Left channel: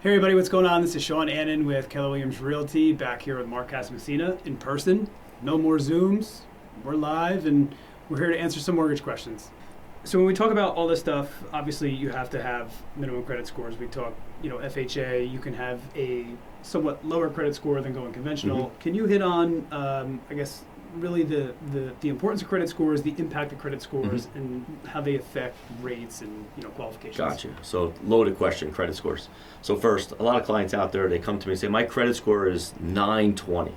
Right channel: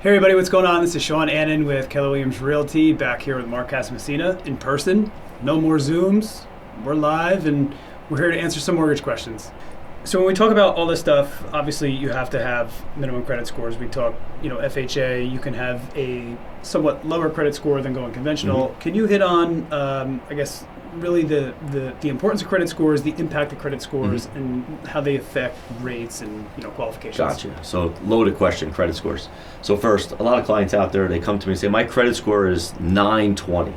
Hey everybody, what's going on? This is Sean Annan with Keller Williams Realty, back here with Mark Casamassina in person. No more Zooms. We're live and we're here to answer some mortgage questions. So when we talk about all this stuff, obviously you have to have minimum credit scores. We talk, FHA, you can have a somewhat lower credit score than going conventional. Can you hit on, really the importance of credit scores, the impact of credit scores, and how they affect rates and qualifications? Gotcha. So loaded question, credit scores. So first, a lot of clients out there, they come to me and say, my credit score is 920.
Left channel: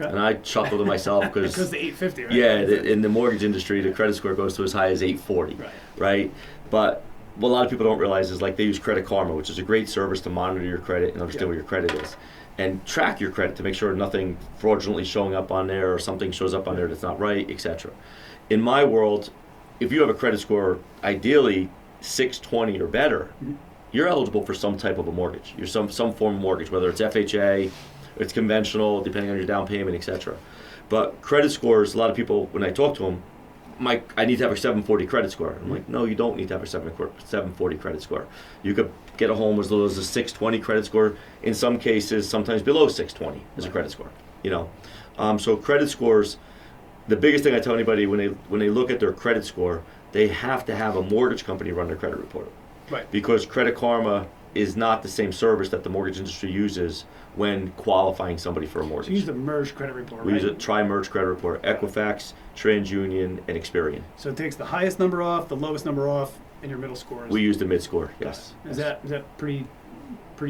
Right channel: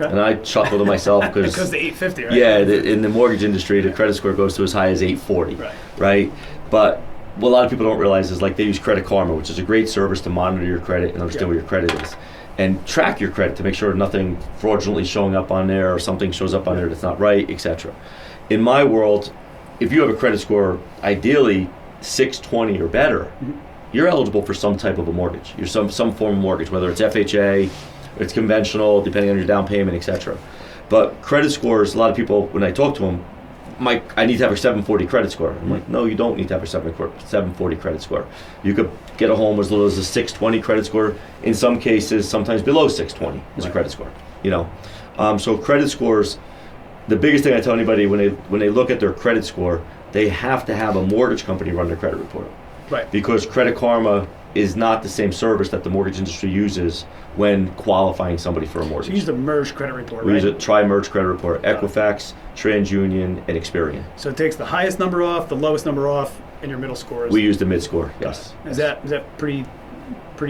Okay. And I chuckle to myself because because the 850, right? Yeah, in the mortgage industry, the credit score goes to as high as 840, right? But what a lot of people don't realize is they use Credit Karma, which is a great service to monitor your credit and understand what your credit is. And track your credit to make sure nothing fraudulently showing up on there or something shows up on there that's not right, etc. In my world, if you have a credit score, ideally 620 or better, you're eligible for some type of a mortgage. You're some form of mortgage, whether it's FHA, it's conventional, depending on your down payment, etc. But credit scores, a lot of people, when I talk to them, I need to have a 740 credit score. I'm like, no, you don't need to have a 740 credit score. You could get a home as little as a 620 credit score. In some cases, sometimes below 620 is a credit score. So credit scores, the biggest thing I tell anybody when they look at their credit score, they have to have a mortgage company run their credit report. Right. Because Credit Karma is not the same service that the mortgage industry uses when qualifying somebody for a mortgage. So you use the merged credit report, We use a tri-merge credit report, Equifax, TransUnion, and Experian. So it takes the highest number off, the lowest number off, and your middle scores. We use the mid score, yes. Is that pretty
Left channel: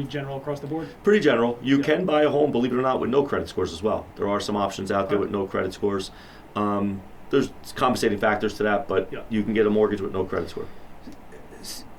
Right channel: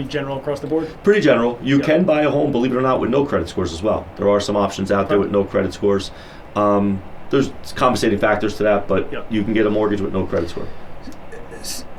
general across the board? Pretty general. You can buy a home, believe it or not, with no credit scores as well. There are some options out there with no credit scores. There's compensating factors to that, but you can get a mortgage with no credit score.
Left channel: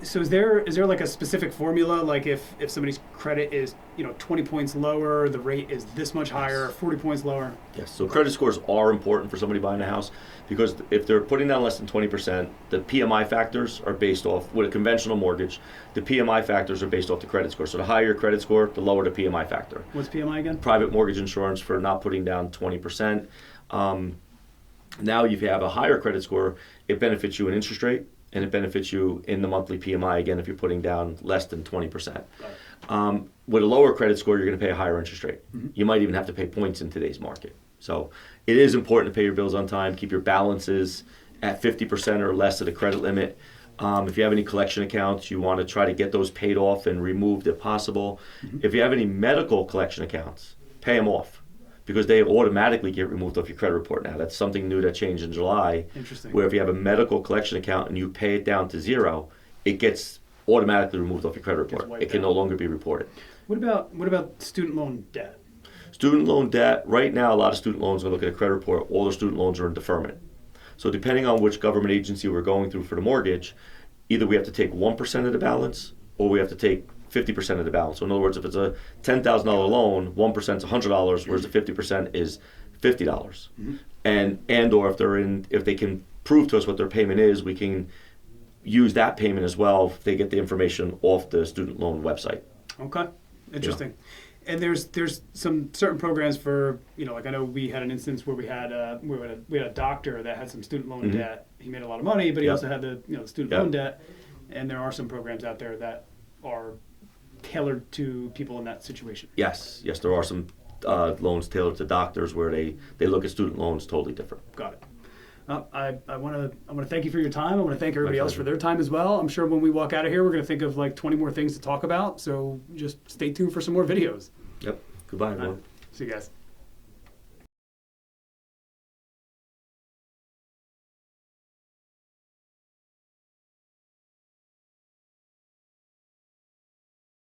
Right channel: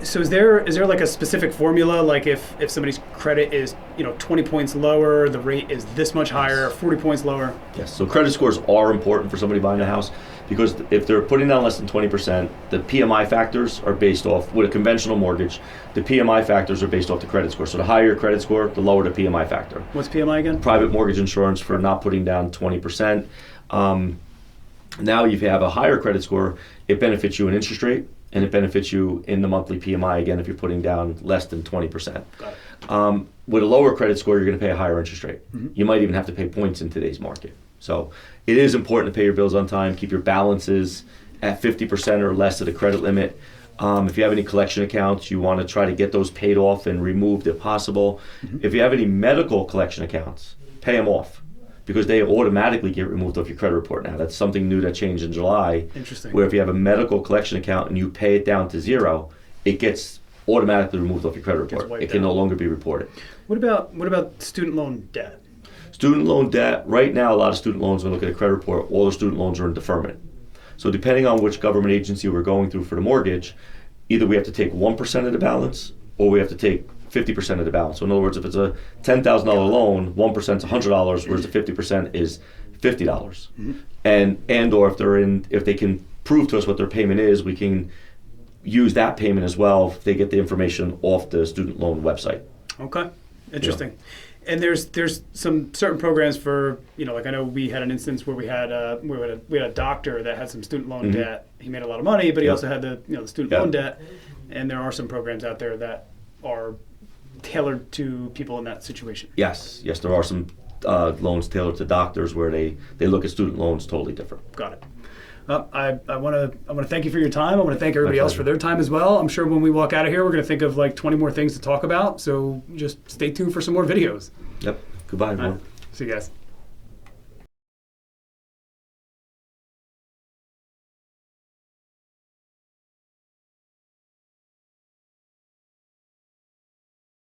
So is there like a specific formula, like if somebody's credit is 20 points lower, the rate is this much higher, 40 points lower? Yes, so credit scores are important for somebody buying a house because if they're putting down less than 20%, the PMI factors are based off, with a conventional mortgage, the PMI factors are based off the credit score. So the higher your credit score, the lower the PMI factor. What's PMI again? Private mortgage insurance for not putting down 20%. Now if you have a higher credit score, it benefits you in interest rate, and it benefits you in the monthly PMI, again, if you're putting down less than 20%. Got it. With a lower credit score, you're going to pay a higher interest rate. You might even have to pay points in today's market. So it is important to pay your bills on time, keep your balances at 50% or less of the credit limit. If you have any collection accounts, you want to try to get those paid off and removed if possible. If you have any medical collection accounts, pay them off, because they automatically get removed off your credit report now. That's something new that changed in July. Interesting. Where if you have a medical collection account and you pay it down to zero, it gets automatically removed off your credit report. It can no longer be reported. What about student loan debt? Student loan debt, right now a lot of student loans, when I look at a credit report, all the student loans are in deferment. So depending on which government agency we're going through for the mortgage, either we have to take 1% of the balance or we have to take 50% of the balance. So in other words, if it's a $10,000 loan, 1% is $100, whereas the 50% is $50. And or if they can prove to us what their payment is, we can use that payment as well if they get the information off the student loan website. Okay, interesting. Yeah. And there's some certain programs for, like I know we had an instance where we had a doctor that had some student loan debt. He made a lot of money, but he also had the student loan debt. And there are some programs out there that are tailored to people in that situation. Yes, there are some loans tailored to doctors where they look at student loans totally different. Got it. I want to thank you for your time. I want to thank everybody else for their time as well. I'm sure when we walk out of here, we're going to think of like 20 more things to talk about. So just stay tuned for some more videos. Yep. Goodbye, everyone. See you guys.